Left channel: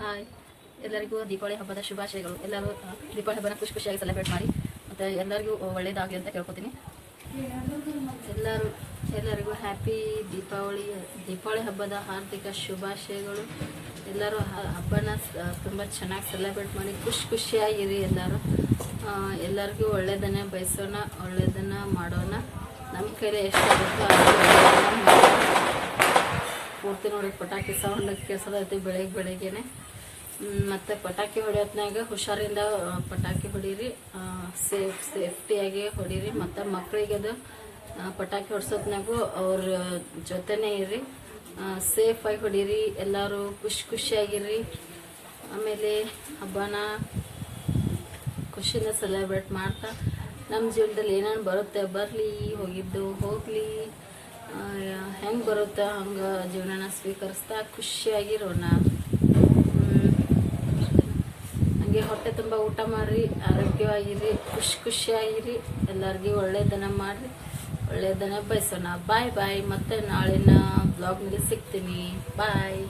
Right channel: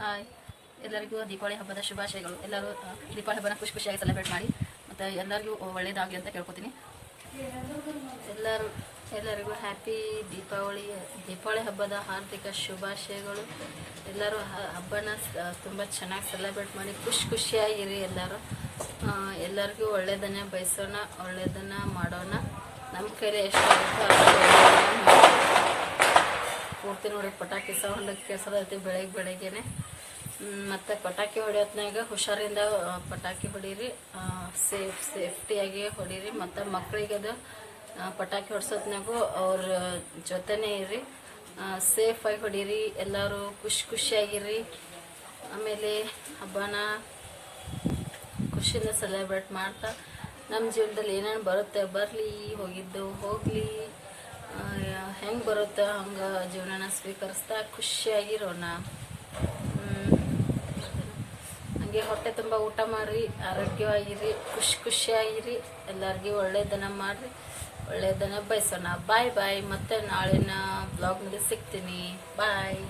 Hi. ಎಲ್ಲರಿಗೂ ದೀಪಾವಳಿ ಹಬ್ಬದ ಶುಭಾಶಯಗಳು. ಎಲ್ಲರೂ ದೀಪಾವಳಿ ಹಬ್ಬನ ಖುಷಿ ಖುಷಿಯಾಗಿ ಸೆಲೆಬ್ರೇಟ್ ಮಾಡಿ. ಮತ್ತು ಎಲ್ಲರಿಗೂ ಒಳ್ಳೆಯದಾಗಲಿ ಅಂತ ಕೇಳ್ಕೊತೀನಿ. ಎಲ್ಲರೂ, ಎಲ್ಲರಿಗೂ ಹ್ಯಾಪಿ ದೀಪಾವಳಿ ದೀಪಾವಳಿ ಹಬ್ಬದ ಹಾರ್ದಿಕ ಶುಭಾಶಯಗಳು. ಎಲ್ಲರೂ ಹಬ್ಬನ ತುಂಬ ಚೆನ್ನಾಗಿ ಸೆಲೆಬ್ರೇಟ್ ಮಾಡಿ. ಖುಷಿ ಖುಷಿಯಾಗಿರಿ ಎಲ್ಲರೂ. ಎಲ್ಲರಿಗೂ ಒಳ್ಳೆಯದನ್ನೇ ಬಯಸೋಣ ಒಳ್ಳೆಯದನ್ನು ಮಾಡೋಣ. ನಮ್ಮ ಕೈಲಿ ಎಷ್ಟಾಗುತ್ತೋ. ಪೂರ್ತಿ ನೋಡಿ, ಪಟಾಕಿ ಸೌಂಡ್ ಕೇಳಿಸೋದೈತಿ ಬೆಳಗ್ಗೆ ಬೆಳಗ್ಗೆನೆ. ಮತ್ತು ಪಟಾಕಿ ಹೊಡಿಯೋತ್ನಾಗ ಹುಷಾರಿಂದ ಪಟಾಕಿ ಹೊಡೀರಿ ಸೇಫ್ ಸೇಫ್ಟಿಯಾಗಿ ಹೊಡೀರಿ. ಮತ್ತು ಮಕ್ಕಳಿಗೆ ಅದು ಪಟಾಕಿ ಹೊಡ್ಸೋದ್ನಾಗೂ ಅವ್ರ ಜೊತೆನೇ ಇರಿ ಸೇಫಾಗಿ ಹೊಡೀರಿ, ಎಲ್ಲರೂ ಖುಷಿ ಖುಷಿಯಾಗಿರ್ರಿ. ಆಮೇಲೆ ಹಬ್ಬನ ಖುಷಿಯಿಂದ ಸೆಲೆಬ್ರೇಟ್ ಮಾಡ್ತಾ ನಮ್ಮ ಜೀವನದಲ್ಲಿ ಏನೇನು ಬರುತ್ತೆ, ಬರಲಿ, ಹೋಗಿದ್ದು, ಹೋಗಲಿ. ಹೆಂಗೆ ಬರುತ್ತೆ ಹಂಗೆ ಜೀವನನ ಸ್ವೀಕರಿಸ್ತಾ ಖುಷಿಯಾಗಿರೋಣ. ಹಂಗೆ ಹೊಟ್ಟೆ ತುಂಬ ಊಟ ಮಾಡಿರಿ, ಆರೋಗ್ಯವಾಗಿರಿ, ಖುಷಿ ಖುಷಿಯಾಗಿರಿ. ಎಲ್ಲರಿಗೂ ಒಳ್ಳೇದನ್ನ ಮಾಡಿರಿ ಒಳ್ಳೇದನ್ನ ಬಯಸೋಣ. ಬಾಯ್ ಬಾಯ್. ಮತ್ತೆ ನಾಳಿನ ಬ್ಲಾಗ್ನಲ್ಲಿ ಸಿಗ್ತೀನಿ ಬಾಯ್.